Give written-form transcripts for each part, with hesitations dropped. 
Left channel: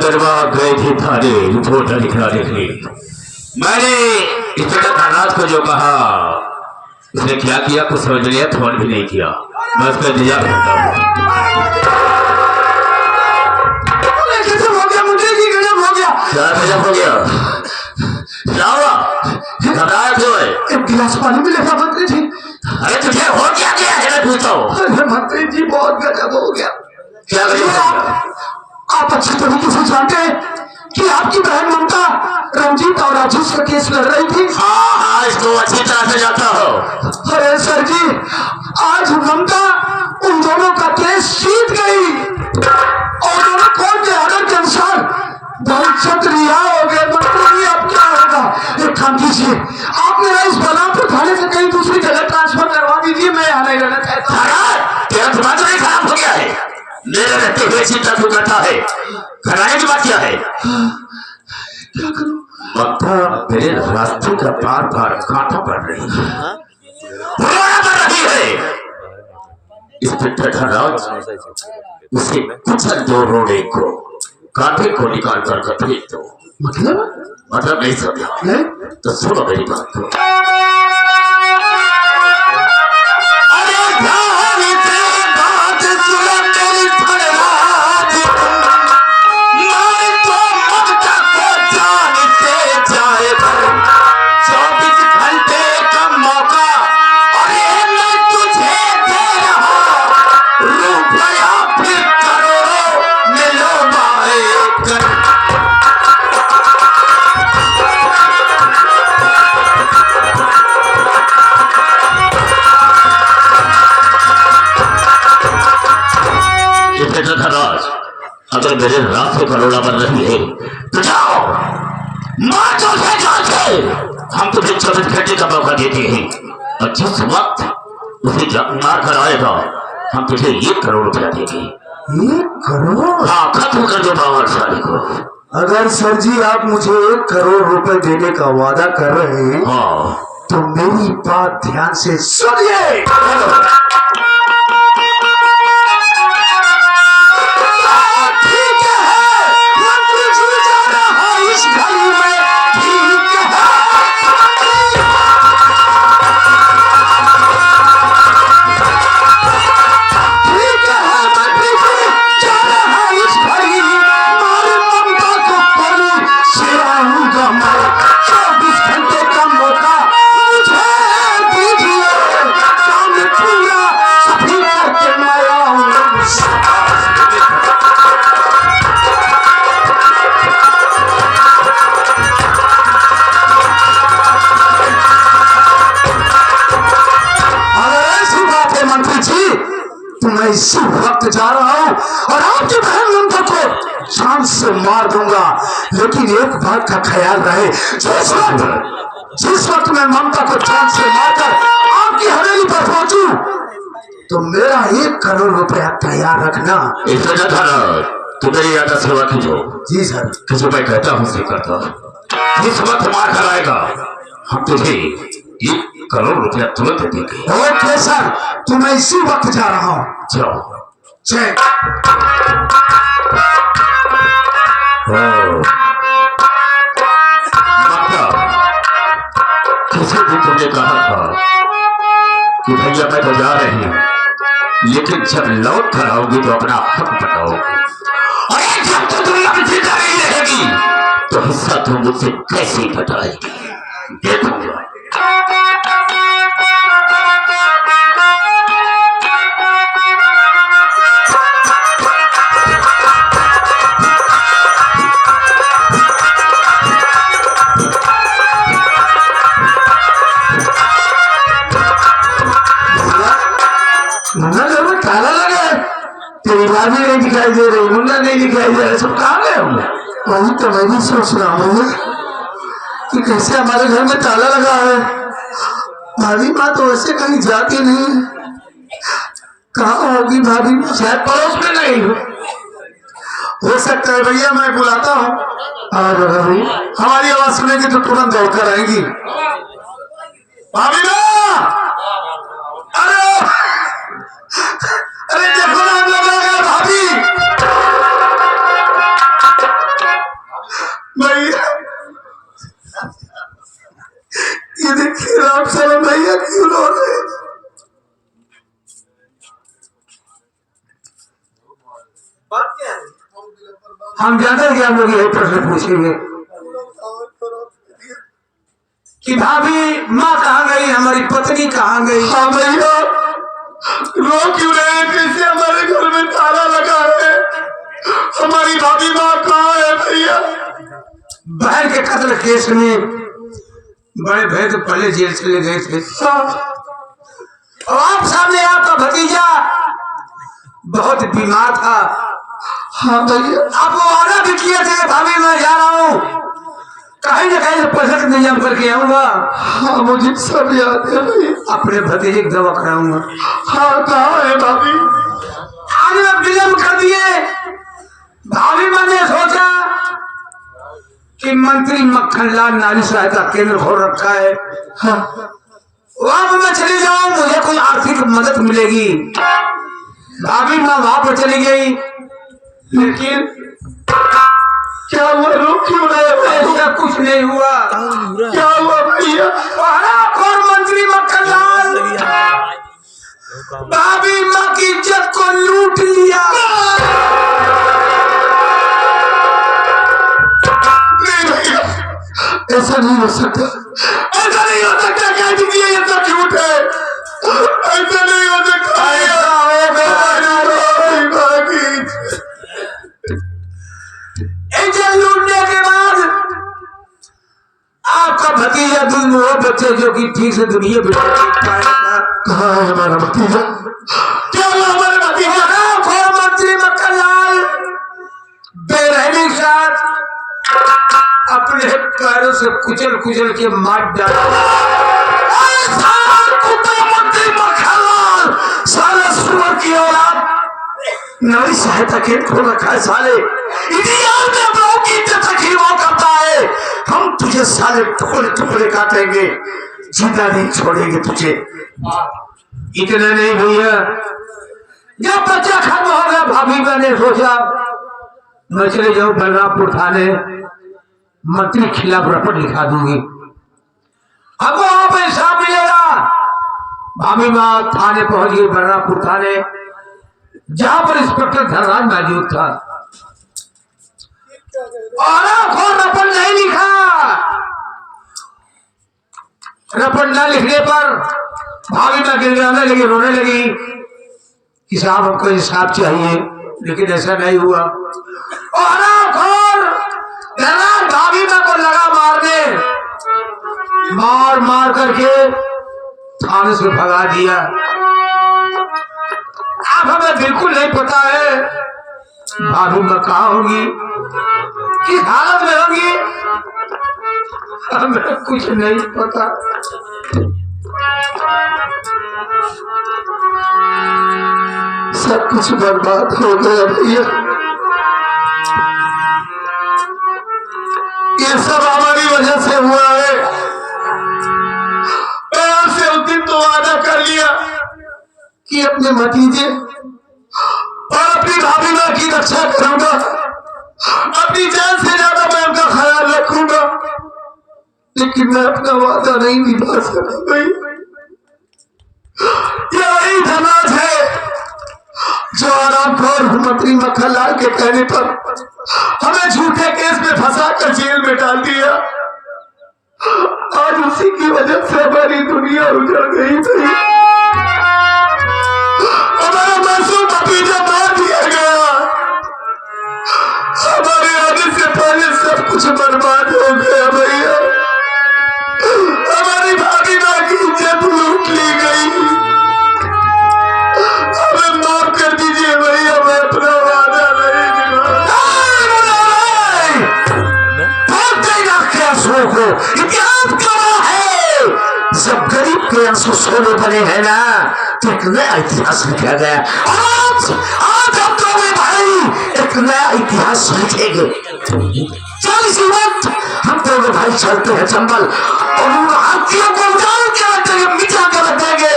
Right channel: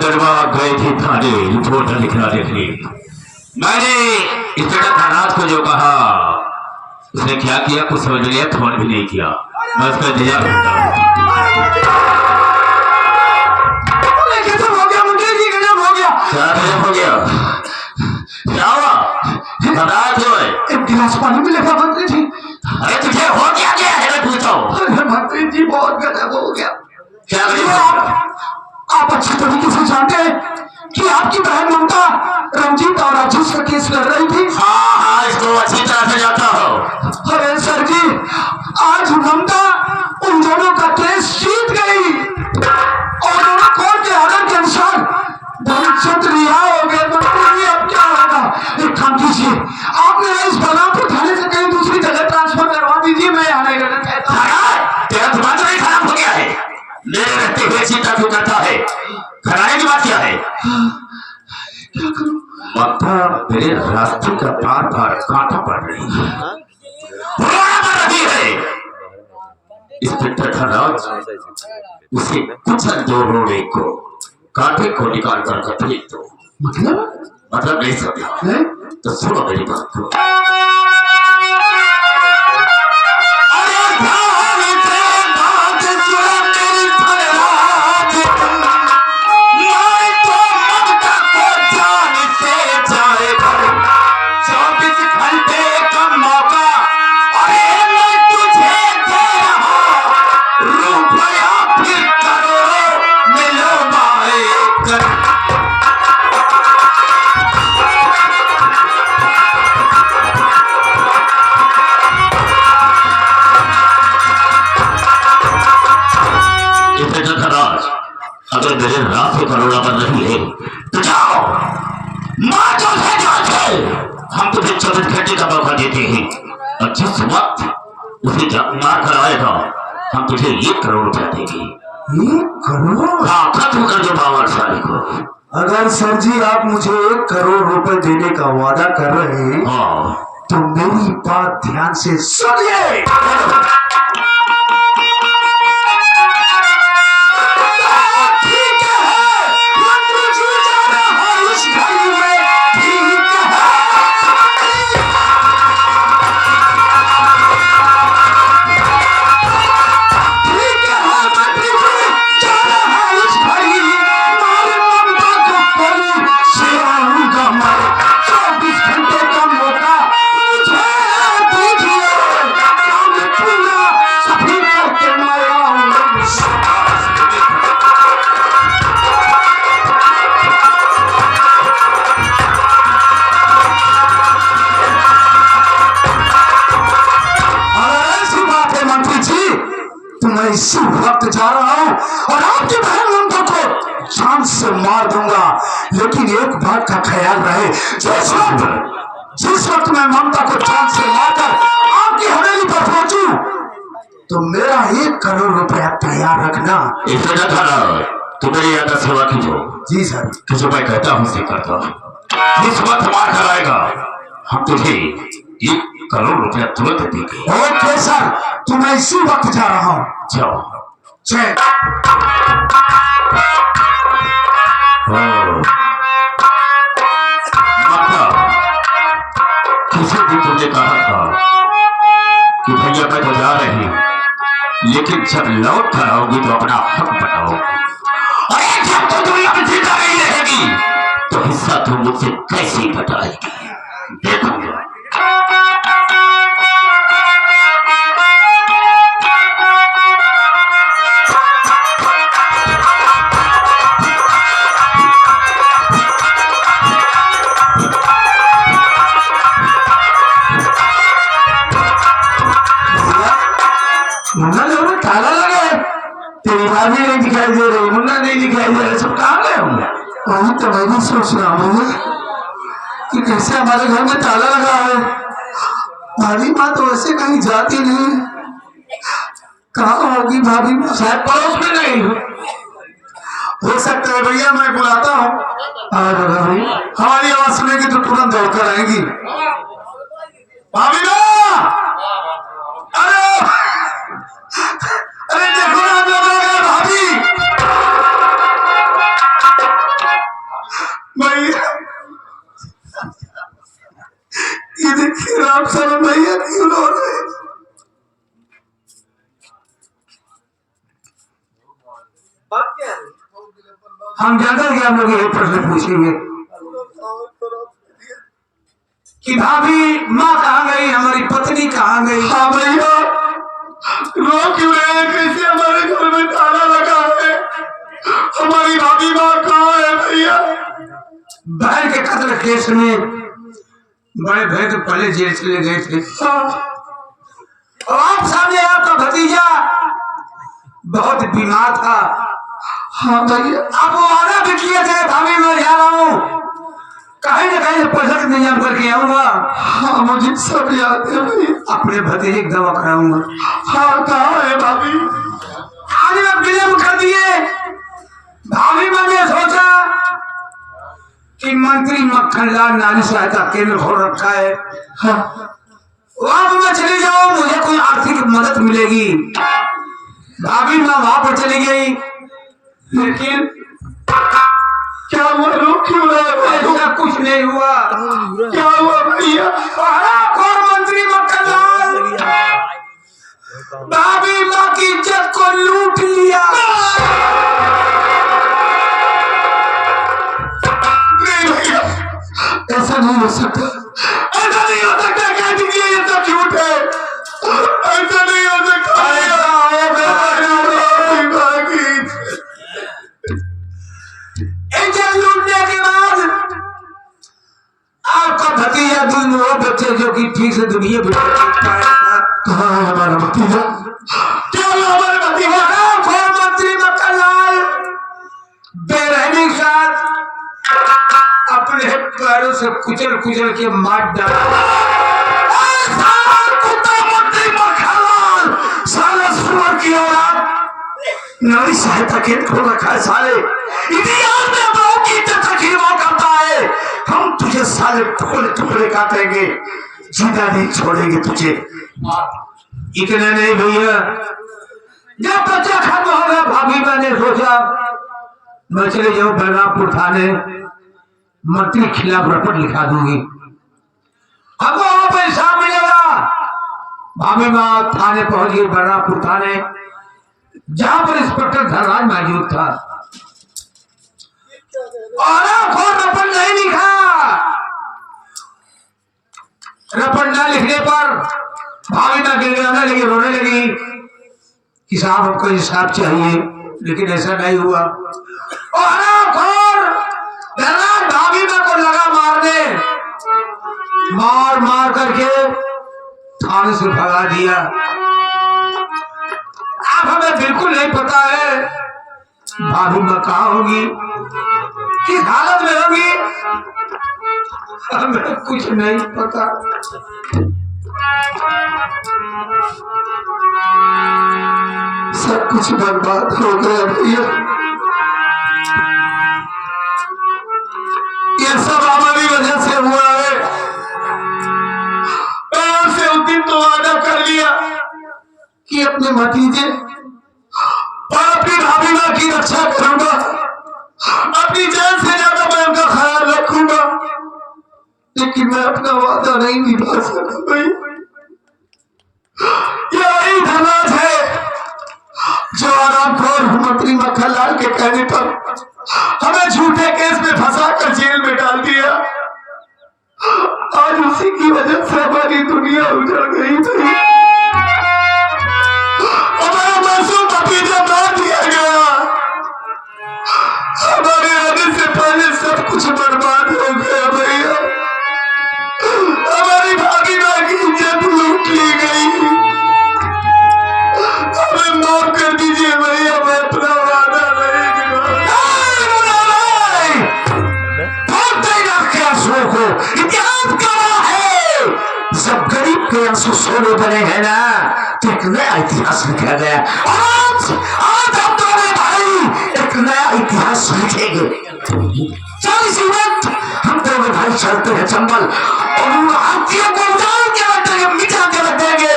दरबार गए थे थाने रिपोर्ट लिखना देखने। मैंने इंस्पेक्टर थानात को जो कहा उसने क्या किया कुछ समझ लिया, फोन भी नहीं किया। मैं उसका इंतजार करता हूँ। क्या गजब हो गया? क्या हुआ? घबराए क्यों है? एक गिलास पानी मिलेगा मंत्री जी? अरे तुझे हो क्या गया है मैं पूछता हूँ। अरे मंत्री जी बहुत गजब हो गया। क्या गजब हो गया? आप अच्छी तरीके से जानते हैं कि आपकी बहन ममता रंजीत और राजेश का केस लड़ रही थी। हाँ, इसको अच्छी तरह से जानता हो। अरे सर जी, आज ममता उन दोनों का केस जीत गई और दोनों कोर्ट के ऑर्डर के अनुसार बहुत रिहा हो गए। मंत्री जी अब क्या होगा? एक काम कीजिए, आप मेरा इस बलरामपुर थाने से कहीं दूसरी जगह ट्रांसफर करवा दीजिए। मैं यहाँ नहीं रहना चाहता। तेरा दिमाग नहीं खराब हो गया है? मेरे रहते हुए चिंता क्यों करता है? घराने की बात क्या है? क्या करूं? ममता मेरे रास्ते का बार बार कांटा पड़ रही है, रोना पड़ रही है। इंस्पेक्टर धनराज उसे कुचल दो, रोने को कांटे को निकाल कर फेंक दो। मतलब नहीं समझा? तो सुनो मेरी बात को। अगर मेरे रात को करोड़ा बन रही है तो जाओ मार दो उसे जान से। हम तुझे 24 घंटे का मौका देते हैं और जिस वक्त उसे मार कर आएगा हम तुझे 1 करोड़ रुपया देंगे। 1 करोड़? हाँ, खत्म कर दो बावर साली को। अगर सर जी आप मुझे 1 करोड़ रुपए देने का वादा कर रहे हैं तो मेरी बात ध्यान से सुनिए। इसी वक्त जा रहा हूं और आपकी बहन ममता को जान से मार दूंगा, लेकिन एक बात का ख्याल रहे, जिस वक्त मैं ममता को जान से मारकर आपकी हवेली पर पहुंचूं तो मेरा 1 करोड़ रुपया तैयार रखना। तू मेरी याद सेवा कीजिए। जी सर। जो मैं कहता हूँ उसे करता। जिस वक्त मार कर आएगा हम तुझे 1 करोड़ रुपया तुरंत देंगे। ओके सर, तो मैं इसी वक्त जा रहा हूँ। जाओ। चेक। किसी दिन तुमने कहा था कि भैया मैं तो जा रही हूँ, लेकिन जब लौट कर आओगी तो अपना हक बताओगी। अरे जब तो दुनिया में जिंदा नहीं रहेगी तो हिस्सा तुम मुझसे कैसे बताएगी? देखोगे। मुन्ना में ताला लगा है, तेरी भाभी नहीं दिखाई दे रही, मुन्ना नहीं दिखाई दे रहा, सब कहाँ गए होंगे? वही तो मैं भी सोच रहा हूँ कि कैसे हमारे घर में ताला लगा है। भाभी माँ तो वैसे कहीं जाती नहीं, कहाँ होगी भाभी माँ? शायद पड़ोस में नहीं हो सकता है। भैया मैं बुलाता हूँ और अगर हमारी आवाज सुनेगी तो तुरंत दौड़कर आएगी। भाभी माँ, अरे देखो ना, हम लोग आ गए भाभी। नहीं उन्होंने। हम ज्यादा से हम लोग यही प्रश्न पूछेंगे कि भाभी माँ कहाँ गई, हमारी पत्नी कहाँ गई। हाँ भैया, रो क्यों रहे, कैसे हमारे घर में ताला लगा है, हमारी भाभी माँ कहाँ है भैया। बहन के कत्ल केस में बड़े भाई तो पहले जेल चले गए थे। और आप सामने आपका भतीजा बहुत बीमार था। हाँ भैया, आप वो वादा भी किए थे भाभी मैं जा रहा हूँ, कहीं न कहीं से पैसा इंतजाम करके आऊंगा। हाँ मुझे सब याद है भाई। अपने भतीजे की दवा कराऊंगा। हाँ कहाँ है भाभी। आज आप विलम्ब कर दिए। भाभी मैंने सोचा कि मंत्री मक्खनलाल नारी सहायता केंद्र खोल रखा है। हाँ वहां पर मैं चली जाऊं, मुझे कोई आर्थिक मदद मिलेगी। भाभी माँ वहां पर चली गई, लेकिन क्या हुआ, रोक क्यों रहे, ऐसा कुछ नहीं हुआ। क्या हुआ भैया। और मंत्री मक्खनलाल भाभी माँ की इज्जत को लूट लिया। नहीं भैया, ऐसा नहीं हो सकता, ऐसा नहीं हो सकता, कह दीजिए ये सब झूठ है, ऐसा नहीं हो सकता। ऐसा इज्जत लूटने के बाद आपका भतीजा दोनों बच्चे जो कि ठीक से दुनिया में कहाँ है हमारा भतीजा। क्या हमारे भतीजा मंत्री मक्खनलाल बेरहमी के साथ अपने पैरों से कुचल कुचल के मार डाला। मंत्री मक्खनलाल साला सुअर की औलाद, नारी सहायता केंद्र खोल रखा है साले, इतिहास में बहू की इज्जत खिलवाड़ करता है। हम तुझे साले टुकड़े टुकड़े काटेंगे, जिंदा नहीं छोड़ेंगे तुझे। इतना नहीं भैया, जब बच्चा खत्म हो गया भाभी मैंने सोचा मैं चले जाऊं बलरामपुर थाने, मंत्री के खिलाफ रिपोर्ट लिखा दूंगी, हमको वहां पर हिसाब मिलेगा। भाभी माँ थाने पहुंच गई, बलरामपुर थाने, जहां पर इंस्पेक्टर धनराज मौजूद था। और रपट नहीं लिखा, रपट न लिखने पर भाभी माँ गिड़गिड़ाने लगी, रोने लगी कि साहब हमको हिसाब चाहिए, लेकिन ऐसा नहीं हुआ। और भाभी माँ को लगा मारने, मार मार करके थाने से भगा दिया। अब हमें बिल्कुल नहीं पता है भाभी माँ कहाँ होगी, किस हालत में होगी, हमें कुछ नहीं पता। सब कुछ बर्बाद हो गया भैया, ये सब हमारी वजह से हुआ है। मैं आपसे उस दिन तो वादा कर लिया कि अपने भतीजे और अपनी भाभी माँ की रक्षा करूंगा, अपनी जान से ज्यादा मैं उनका ख्याल रखूंगा, लेकिन मैं अपना वादा नहीं निभा सका भाई। यही धनराज है जो आरामखोर मंत्री मक्खनलाल के कहने पर हमें झूठे केस में फंसा कर जेल में डाल दिया। आज उसी की वजह से हमारी दुनिया उजड़ गई थी, हमारा मासूम भतीजा मार दिया गया, हमारे आने से पहले सब कुछ बर्बाद हो गया भैया। हमारी भाभी माँ की इज्जत लूट ली गई, हमें माफ कर दीजिए भैया, मैं अपना वादा नहीं निभाऊंगा। को इतिहास गवाह है, जब गरीब के आंसू सोने बने हैं ना तो एक नया इतिहास लिखा गया। आज हम दोनों भाई एक नया इतिहास लिखेंगे। 40 वक्त हम दोनों भाई चलते हैं चंबल और उन हाथियों को उतार के मिटा कर रख देंगे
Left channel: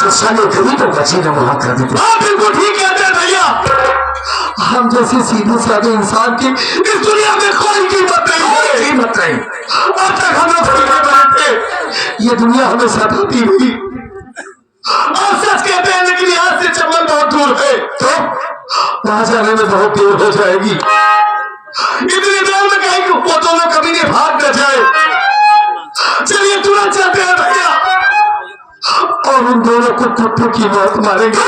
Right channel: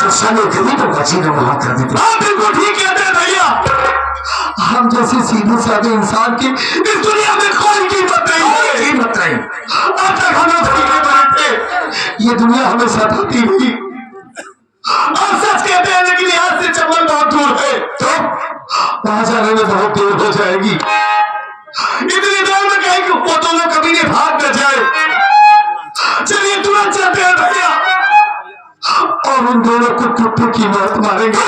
तो साले गरीबों का जीना वहां कर देंगे। हाँ बिल्कुल ठीक कहते हैं भैया, हम जैसे सीधे साधे इंसान की इस दुनिया में कोई कीमत नहीं है, कीमत नहीं। अब तक हम लोग सीधे बने थे, ये दुनिया हमें सताती हुई। आप सच कहते हैं लेकिन यहाँ से चंबल बहुत दूर है, तो वहां जाने में बहुत देर हो जाएगी। इतनी दूर में कहीं वो दोनों कभी नहीं भाग न जाए। चलिए तुरंत चलते हैं भैया, और उन दोनों को कुत्ते की मौत मारेंगे।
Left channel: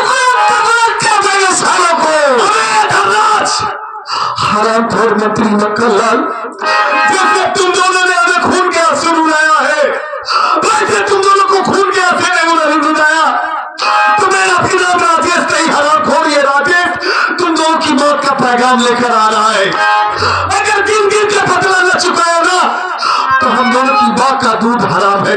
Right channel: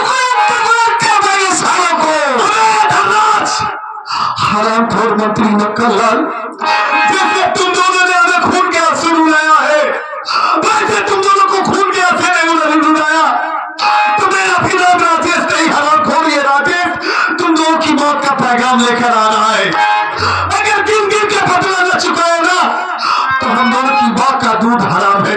हराम खोर मंत्री नक्करलाल, जिसने तुम दोनों ने हमें खून के आंसू रुलाया है, वैसे तुम दोनों को खून के आंसू नहीं रुलाया। तुम्हें अपना नाम राजेश नहीं, हराम खोर ये राजेश तुम दोनों की मौत का पैगाम लेकर आ रहा है। अगर दिन दिन का बदला न चुकाया ना, तो हम दोनों की माँ का दूध हराम है।